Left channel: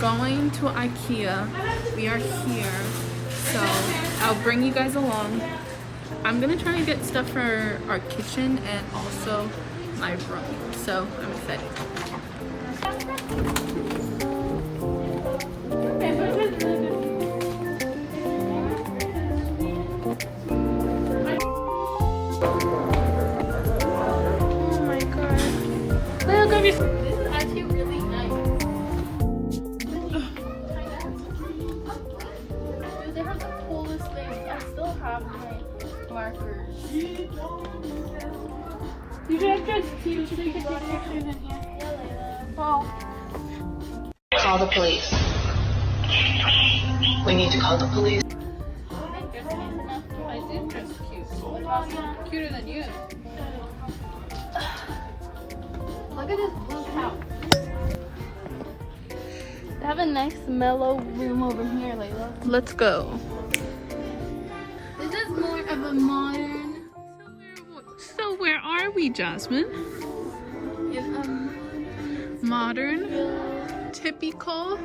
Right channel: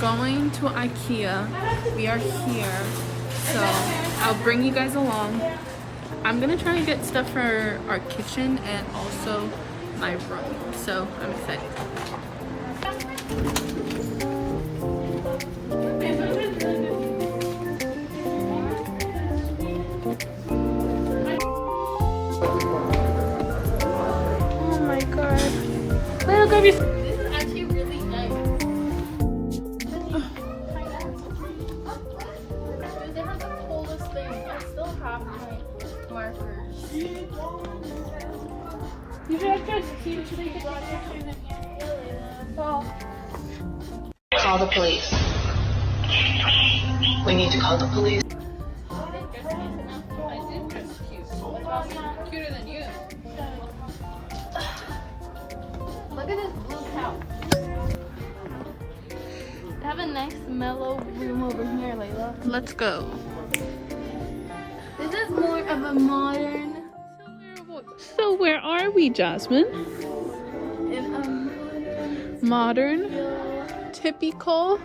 going to IKEA. We are here, so I'll bring you guys along. I'm gonna try to get stuff for our kitchen and also my room, so I'm excited. Oh my god. Look at this. This is actually really nice. Dude, they have the coolest things. I still have my markers. You guys just cute. Should I get the pictures in here? Wow. Call the police. We need to call the police. I did dress cute. What about cuter than you? Look at this blue couch. They have a nice mellow room over here, Layla. Let's go. This is more of a modern. So where are we, Jasmine? In a modern, typical.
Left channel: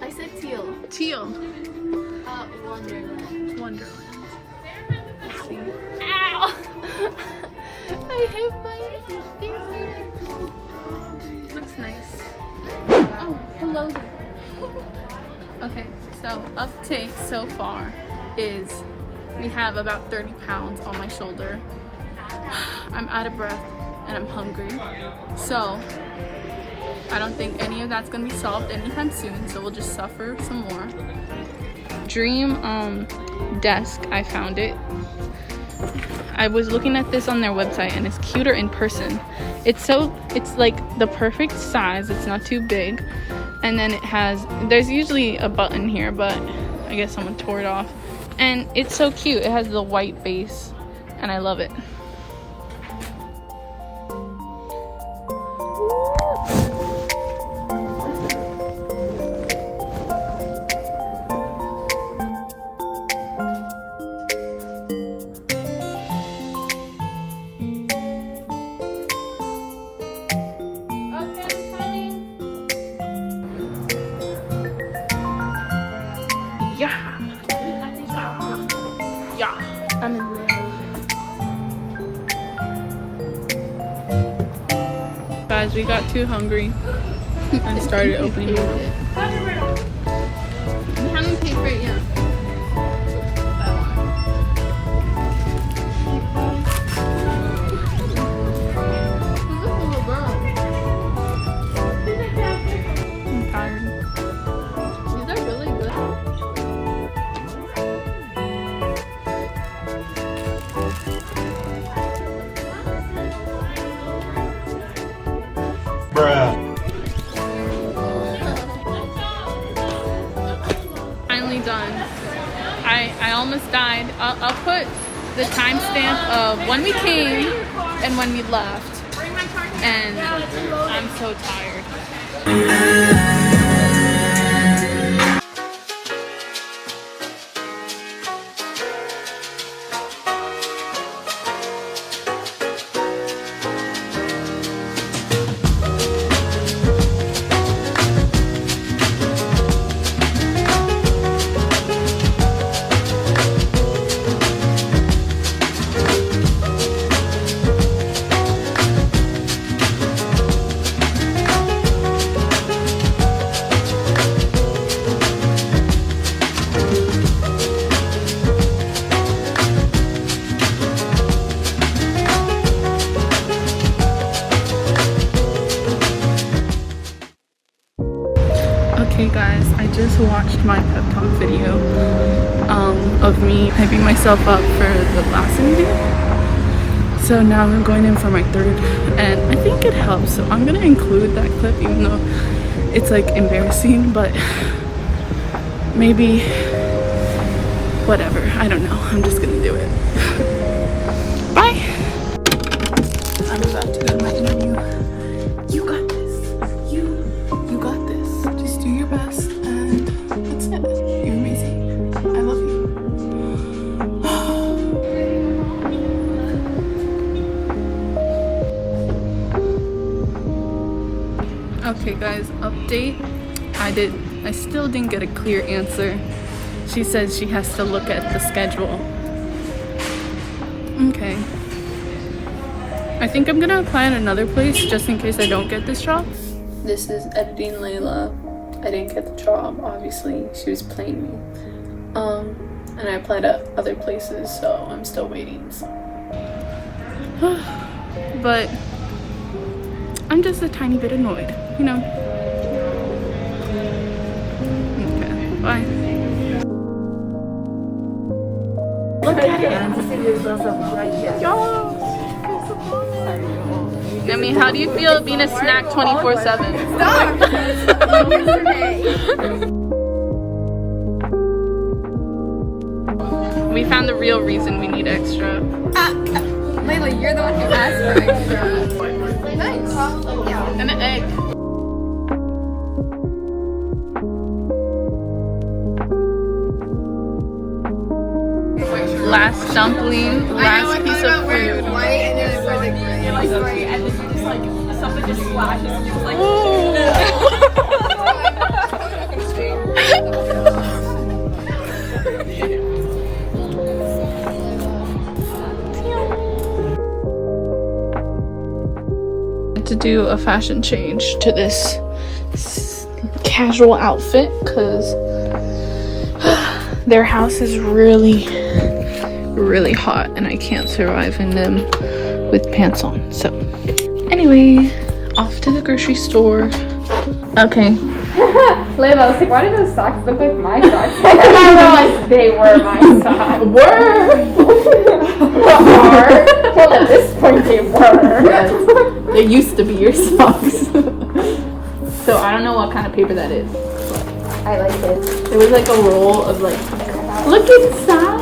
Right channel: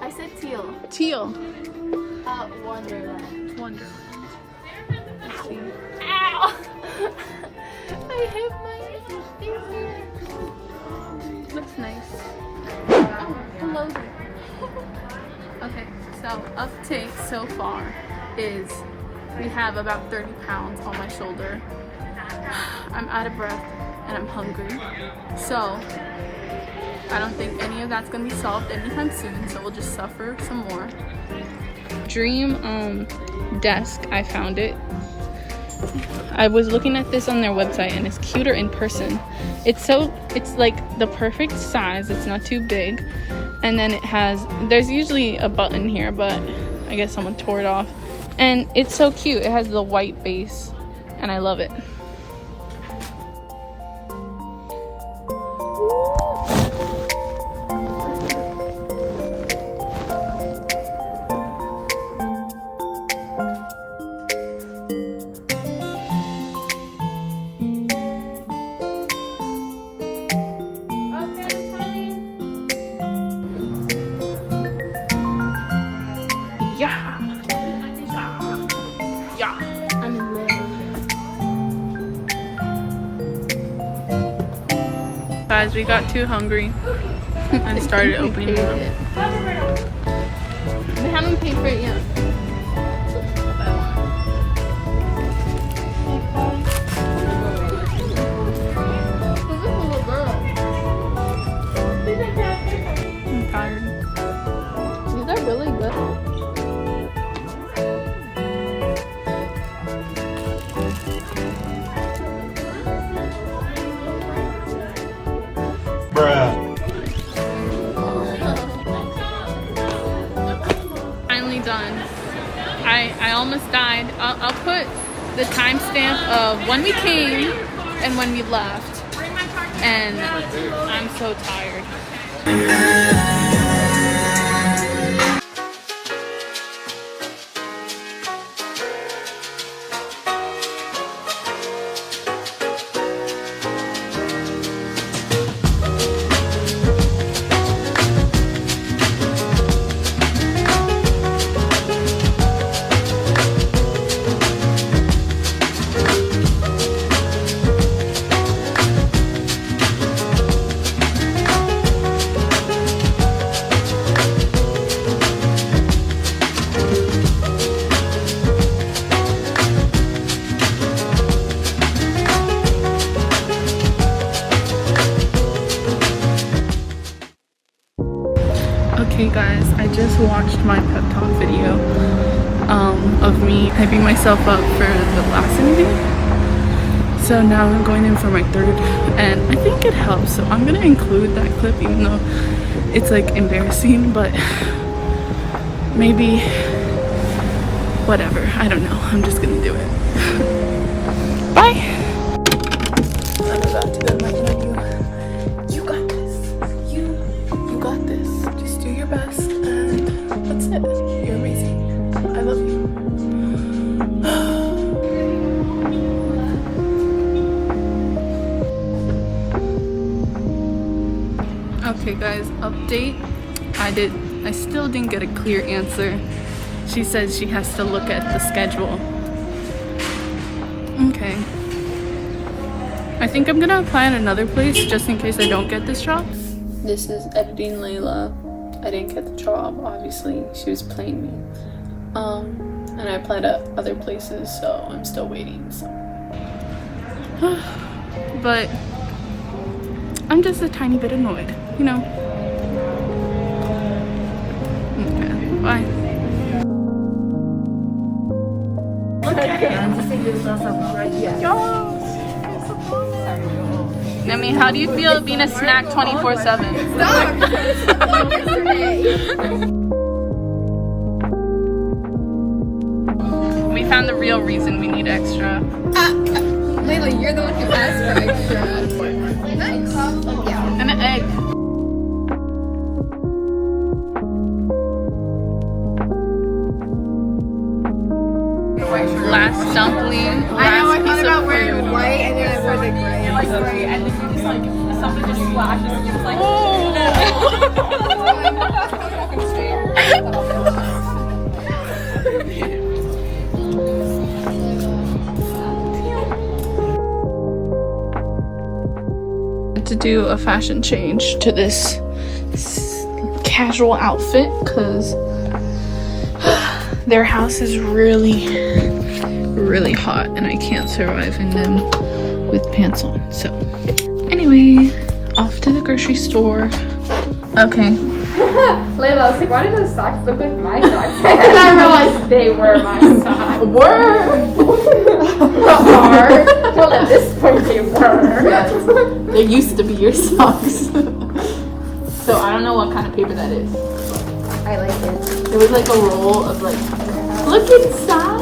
I said teal. Teal. Wonderland. Wonderland. Let's see. Ow! I hit my finger. Looks nice. Oh, hello there. Okay, so uptake so far is we have about 30 pounds on my shoulder. I'm out of breath and I'm hungry. So I don't think any of that's gonna be solved anytime soon, so we'll just suffer some more. Dream desk, I found it. I was looking at this on their website and it's cuter in person. It's like the perfect size. It's not too big. And then there's usually a button here, but I guess someone tore it off. And it's so cute. It has the white base and I love it. Guys, we got too hungry and started opening them up. I haven't paid for it yet. I'm tired. These are really good. Finally done. I almost died. I'll put the timestamp of when we came and when we left. And I'm so tired. Okay guys, I just watched my pep talk video of me hyping myself up for the last interview. So now I'm going in for my third and I think it helps. So I'm gonna include that clip even though it's like embarrassing, but maybe whatever. I don't know. I'm just gonna do it. Bye! I'm about to go to my interview. You got this. You got this. Just do your best and that's it. You're amazing. I love you. Okay guys, update. I still didn't get a clear answer. She said she has to look at the schedule. Okay. I think I'm gonna apply in another place just in case I don't get this job. This is editing Layla. I didn't get the job, obviously. She was playing me. And I applied at other places, so I'm still waiting. So. But I'm just a tiny bit annoyed, you know. Okay, bye. I mean, how do you feel being a snack 24/7? We found the real reason we need extra. Layla, you're the one who asked for extra. Yeah. And an egg. Last dumpling, last piece of food. To do a fashion change to this casual outfit because their house is really hot and I can't survive in them with pants on. So anyway, off to the grocery store. Okay. Layla, I was like, why do those socks look like my socks? I realized they were my socks. Well, at this point they were. They used to be your socks. So I don't know what kind of paper that is. I like it. It was like a roll of like, look inside.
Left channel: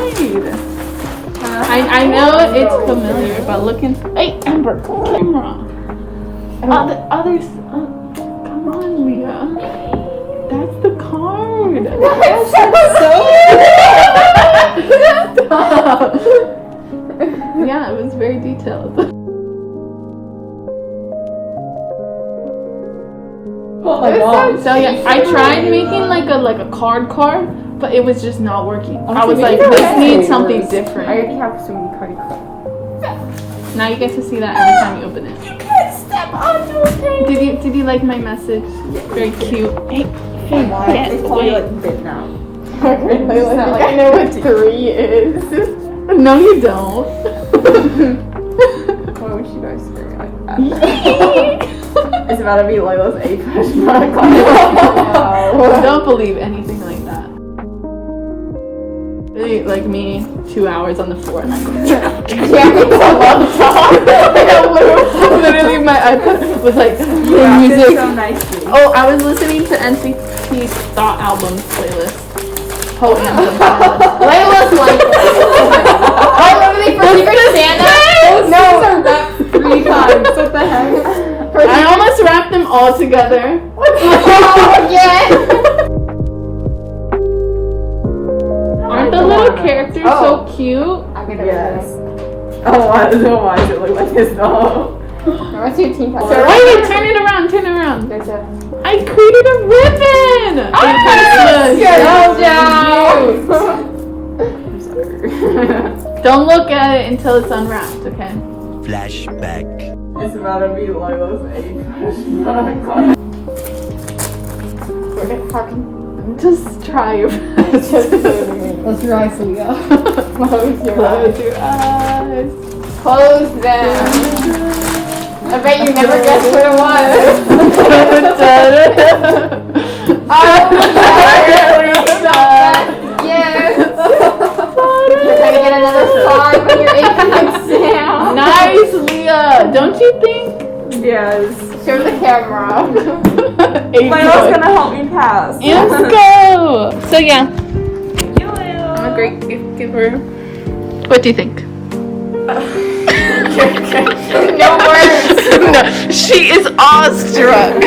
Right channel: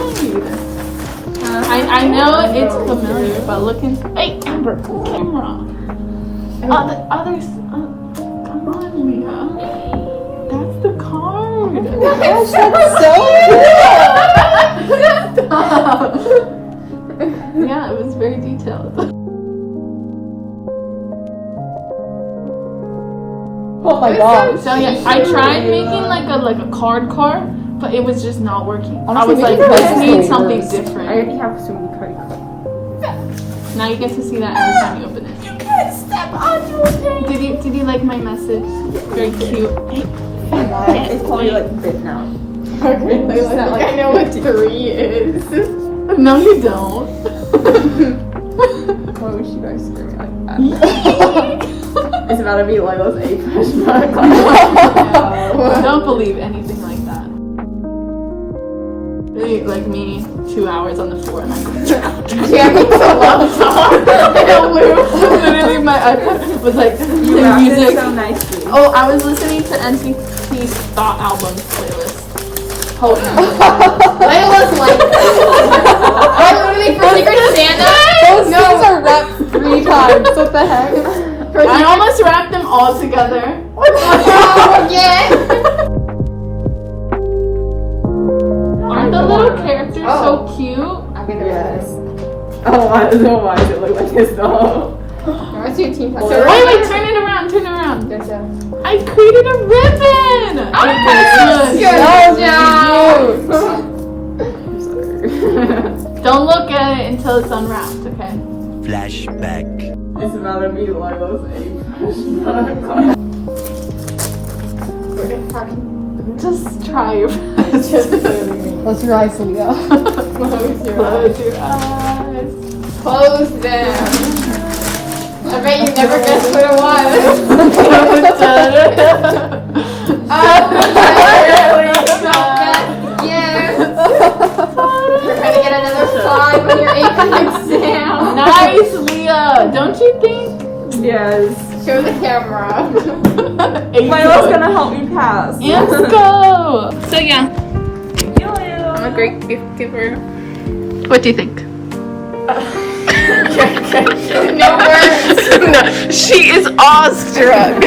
I know it's familiar, but look inside. Hey, Amber, camera. Others. Come on, Leah. That's the card. Oh my gosh, that's so cool. Yeah, it was very detailed. Oh my god. So yeah, I tried making like a card, but it was just not working. Honestly, I was like, let's need something different. I already have so many card cards. Now you get to see that every time you open it. You can't step onto it. Did you like my message? Very cute. Hey, It's probably like bit now. It's not like I know what 3 is. no, you don't. Why would you guys scream like that? It's about to be Layla's A question mark. Don't believe anything like that. Really, like me, 2 hours on the floor. Literally, my iPad was like music. So nicely. Oh, I was listening to NCT's Thought album playlist. Whole album playlist. Layla's like literally for Secret Santa. Those songs are wrapped 3 times. What the heck? I almost wrapped them all together. Aren't the little characters so cute? Yes. Oh, why does it look like this though? What's your team? Wait, turn it around. I created a ribbon! Don't look at it until it's unwrapped, okay? Flashback. It's about to be Layla's A. Just try your best. Close your eyes, Leah. Close your eyes. Close them. I bet you never guessed what it was. Yes. You're gonna get another song when your income exam. Nice, Leah. Don't you think? Yes. Show the camera. Layla's gonna help me pass. Let's go. So yeah, I'm a great gift giver. What do you think? No words. No, she is awestruck.